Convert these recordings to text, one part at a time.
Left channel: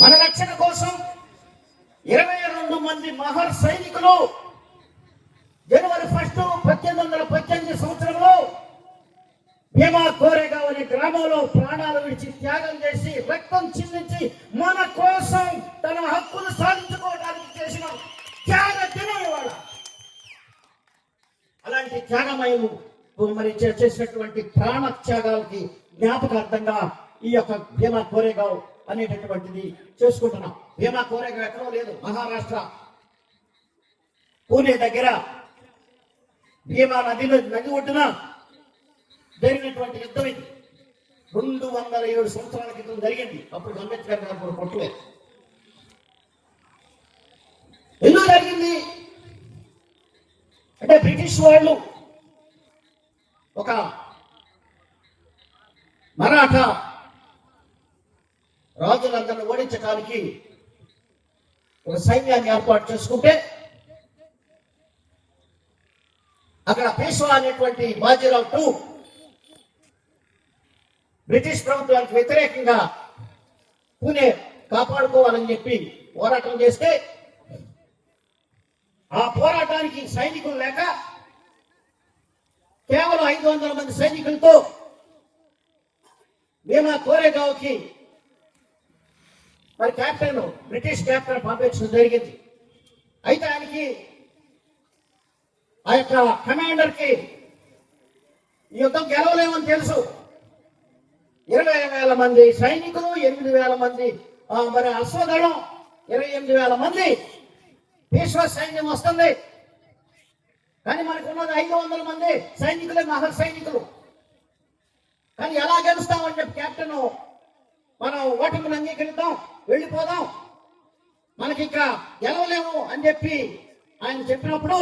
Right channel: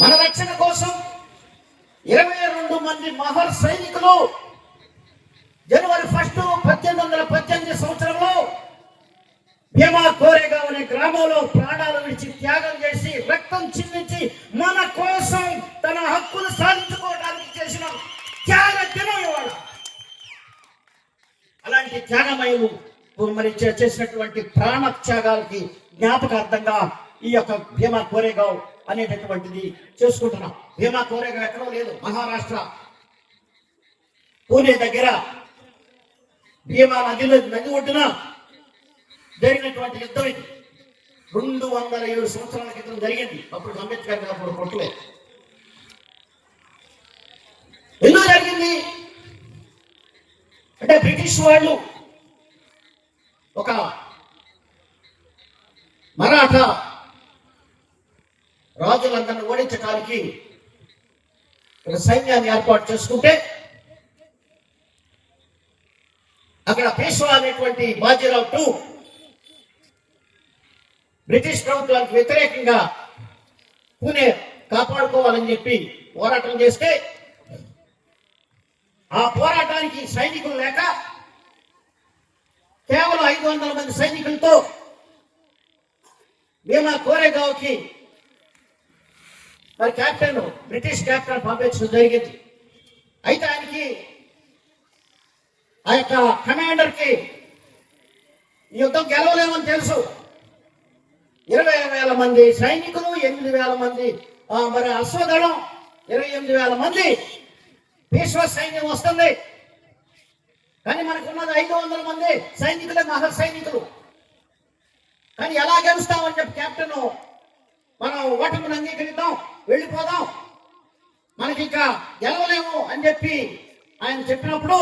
మన రక్షణ కోసం 22 మంది మహర్ సైనికులు జనవరి 1, 1818 సంవత్సరంలో భీమా కోరేగావ్ అనే గ్రామంలో ప్రాణాలు విడిచి త్యాగం చేసి రక్తం చిందించి మన కోసం తన హక్కును సాధించుకోవడానికి చేసిన త్యాగ దినం ఇవాళ. అలాంటి త్యాగమయులు మరి చేసినటువంటి ప్రాణ త్యాగాలకి జ్ఞాపకార్థంగా ఈ యొక్క భీమా కోరేగావ్ అనేటటువంటిది చేసుకుంటున్నాం. భీమా కోరేగావ్ ఎక్కడో లేదు, మహారాష్ట్ర పూణే దగ్గర భీమా నది ఒడ్డున జరిగినటువంటి యుద్ధం ఇది. 207 సంవత్సరాల క్రితం జరిగింది. అప్పుడు అంబేద్కర్ గారు అప్పుడు కొట్టలేదు. ఎందుకు జరిగింది అంటే బ్రిటిష్ వాళ్ళు ఒక మరాఠా రాజులందరినీ ఓడించడానికి ఒక సైన్యాన్ని ఏర్పాటు చేసుకుంటే అక్కడ పేష్వా అనేటువంటి బాజీరావు II బ్రిటిష్ ప్రభుత్వానికి వ్యతిరేకంగా పూణే కాపాడుకోవాలని చెప్పి పోరాటం చేస్తే ఆ పోరాటానికి సైనికులు లేక కేవలం 500 మంది సైనికులతో భీమా కోరేగావ్కి మరి బ్రిటిష్ కెప్టెన్ పంపించడం జరిగింది. అయితే ఆయనకి ఆ యొక్క కమాండర్కి ఈ యుద్ధం గెలవలేమని తెలుసు. 20,000 మంది సైనికులు, 8,000 మంది మరి అశ్వదళం, 28,000 మంది పేష్వా సైన్యం వస్తుంది. కానీ మనకు ఉన్నది 500 మంది సైనికులే, మహర్ సైనికులు. కానీ ఎలా గెలుస్తామని చెప్పి కెప్టెన్ మనం ఓటమిని అంగీకరిద్దాం, వెళ్ళిపోదాం, మనకి ఇంకా గెలవలేము అని చెప్పి ఆయన చెప్పినప్పుడు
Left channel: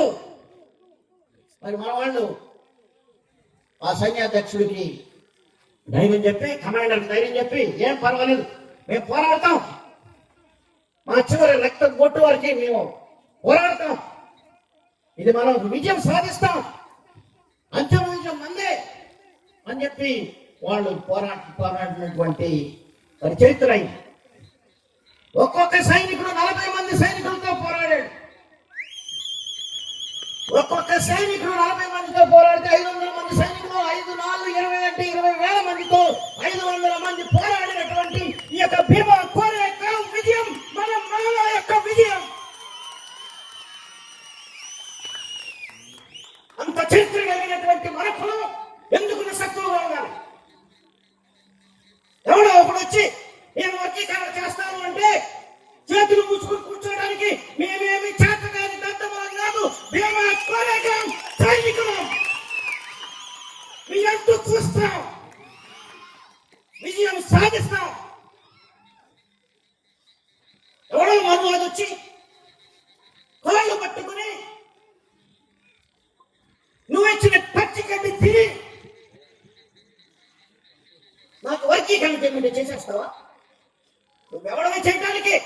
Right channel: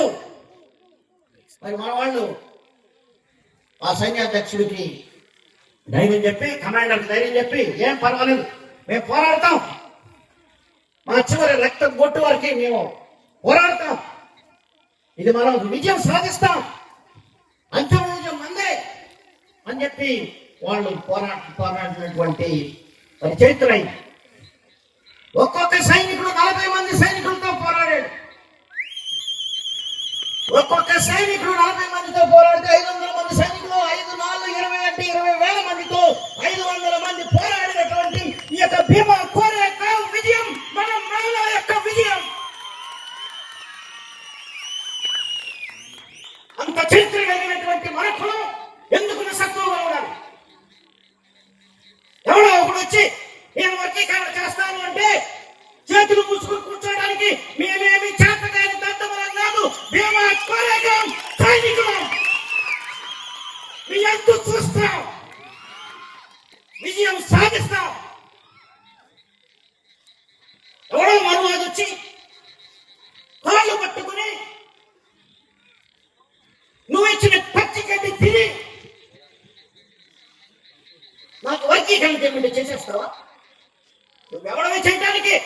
మరి మన వాళ్ళు ఆ సైన్యాధ్యక్షుడికి ధైర్యం చెప్పి, కమాండర్కి ధైర్యం చెప్పి, ఏం పర్వాలేదు మేము పోరాడతాం, మా చివరి రక్తం కొట్టు వరకు మేము పోరాడతాం, ఇది మనం విజయం సాధిస్తాం, అంతిమ విజయం మందే అని చెప్పి వాళ్ళు పోరాడినటువంటి మరి చరిత్ర అయింది. ఒక్కొక్క సైనికుడు 40 మంది సైనికులతో పోరాడాడు. ఒక్కొక్క సైనికుడు 40 మందితో పోరాడితే 500 మంది సైనికులు, 5, 4, 20 అంటే 20,000 మందితో 500 మంది పోరాడినటువంటి ఈ యొక్క భీమా కోరేగావ్ విజయం మన మహిళల యొక్క విజయం. అంత చరిత్ర కలిగినటువంటి మనకు ఎందుకు నిస్సత్తుగా ఉండాలి? ఎవడో ఒకడు వచ్చి నేను వర్గీకరణ చేస్తాను అంటే చేతులు మూసుకుని కూర్చోడానికి మేమేమి చేతగాని దద్దమలం కాదు. భీమా కోరేగావ్ సైనికులు మీ ఎంతో చూస్తాం, విజయం సాధిస్తాం. ఎవడో మరువాడు వచ్చి కాళ్ళు పట్టుకుని నువ్వు ఇచ్చిన పచ్చిగడ్డి తిని నాకు వర్గీకరణ చేయమంటే చేసేస్తావా? నువ్వెవడమే చేయడానికి?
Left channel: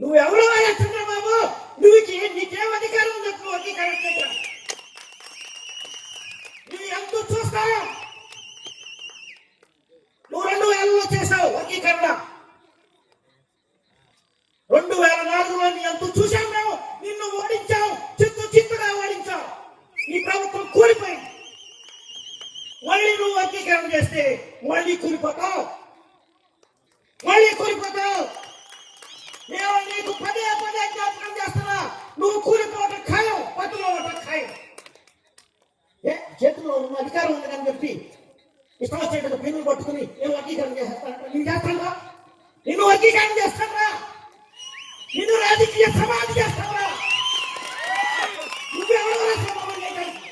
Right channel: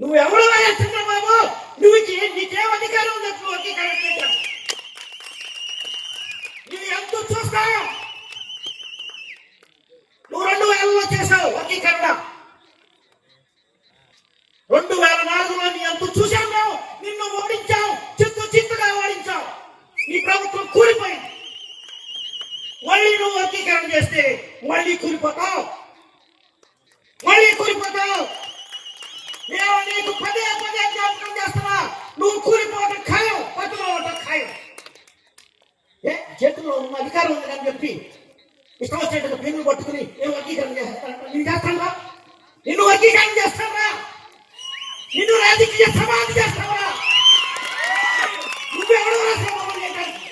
నువ్వెవడమే చంద్రబాబు? నీకేం అధికారం ఉంది వర్గీకరణ చేయడం? నువ్వు ఎంత చూస్తావు? నువ్వు 2000లో చేసావు వర్గీకరణ, 2004లో నీ ఎంత చూసాం మేము. నిన్ను ఓడించావు, చిత్తుగా ఓడించావు. నీ ప్రభుత్వం కూలిపోయింది. మళ్ళీ నువ్వు వర్గీకరణ చేస్తే మళ్ళీ కూలిపోతావు. నేను నీకు పదే జ్ఞాపకం చేస్తున్నా, నువ్వు కూలిపోవడం ఖాయం, పట్టులో ఉండటం ఖాయం. చేతిలో ఉన్న అధికారం ఉంది అని చెప్పి ఇష్టం వచ్చేటప్పుడు పెన్నులు పట్టుకుని నేను వర్గీకరణ చేస్తాను. నేను చేస్తాను, నిన్ను వర్గీకరణ చేస్తాను, నిన్ను రాజకీయ సమాధి చేస్తావా? నువ్వెవడో సమాధి చేయడానికి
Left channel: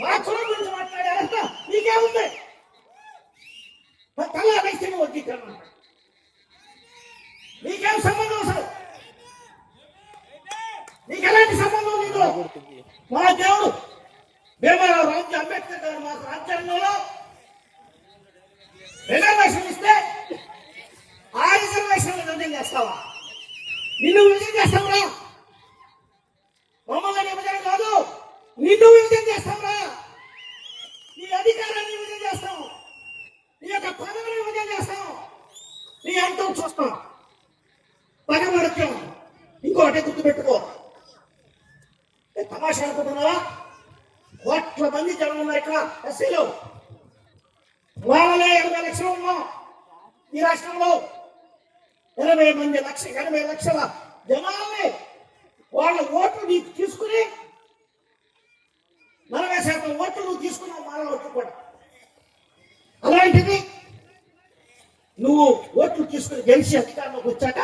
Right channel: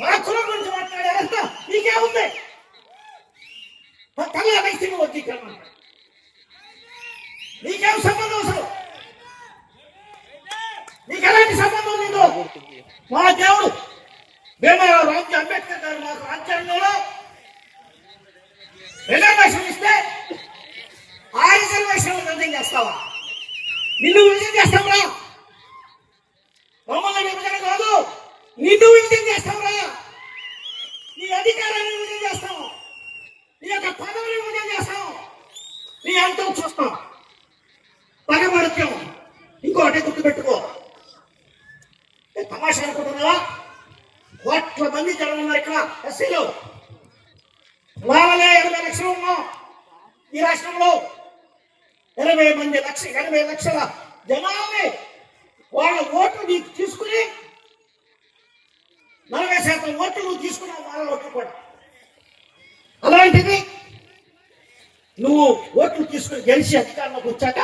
మా కులం గురించి మాట్లాడారంతా నీకేముంది? తల్లా వేసిన వర్గీకరణ నీకేం సంబంధం? అసలు నీకు ఎలాంటి సంబంధం లేదు. మా దేవుడు అంబేద్కర్ గారు మాకు రాజ్యాంగంలో రిజర్వేషన్ ఇస్తే ఆ రిజర్వేషన్ విభజన చేస్తావా? నిన్ను విభజన చేస్తావురా? మమ్మల్ని విభజన కాదు, నిన్ను విభజన చేస్తావురా? నీ అధికారాన్ని విభజన చేస్తావు, నీ యొక్క పదవిని విభజన చేస్తావు. ఎంతో చూస్తాం, పగబడతాం. ఇంకోటి గుర్తుపెట్టుకో, తమాషా అనుకుంటున్నావా? కోట్ల మంది జనం ఉన్నారు ఇక్కడ ఎస్సీలు. వాళ్ళే 20 లక్షలు ఉన్నాం ఈ రాష్ట్రంలో. 80 లక్షల జనాన్ని వాళ్ళ ఓట్లు నీకు తీసుకుని 40% ఓట్లు నువ్వు తీసుకున్నావు మాల ఓట్లు కూడా. అలాంటిది నువ్వు ఓట్లు తీసుకుని గెలిచి అధికారంలోకి వచ్చాక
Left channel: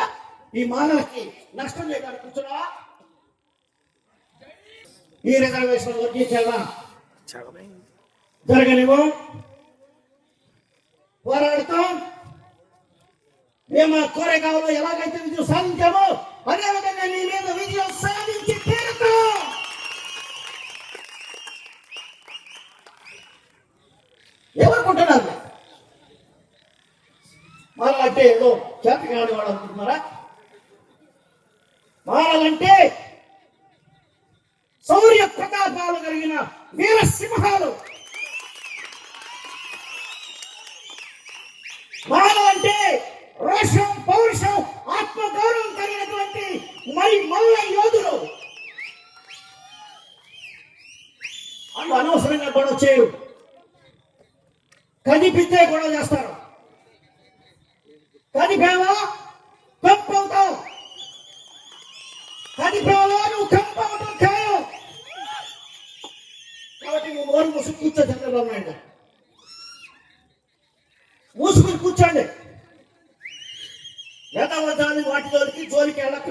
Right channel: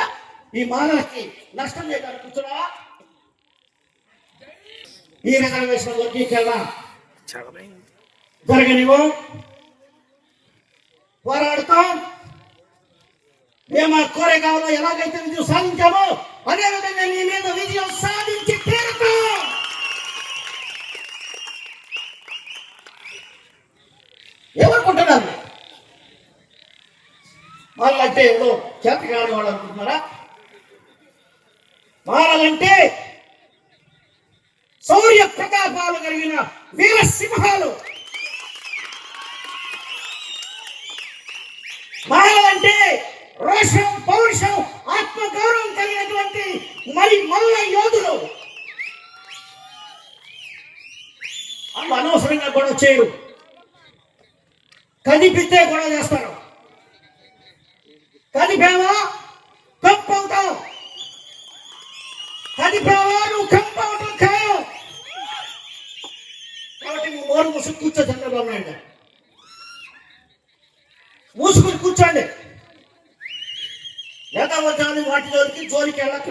ఈ మానవులకి నష్టం చేయడానికి కూర్చున్నావా? ఈ రిజర్వేషన్ వర్గీకరణ జరగనివ్వం, పోరాడుతాం. మేము కోరేగాంలో ఎలాగైతే విజయం సాధించామో అదేవిధంగా నీ మీద విజయం సాధించి తీరుతాం. ఏమనుకుంటున్నారు? వాళ్ళంటే ఏదో చేతకాని వాళ్ళు అనుకుంటున్నారా? మారాలంటే శౌర్య ప్రతాపాలు కలిగిన వీర సింహాలు. మారాలంటే రోషం, పౌరుషం, ఆత్మగౌరవం కలిగినటువంటి మల్ల యోధులు. వాళ్ళు అనవసరంగా గొడవ చేయరు, కనిపిస్తే గొడవ చేస్తారు. కనిపేవా కంపవుతావు, కనిపేవా నువ్వు కంపవటం ఖాయం. కాబట్టి నువ్వు నోరు మూసుకు కూర్చో. చంద్రబాబు నాయుడు మూసుకుని కూర్చోండి. ఎంత వాటి జోలికి వెళ్ళక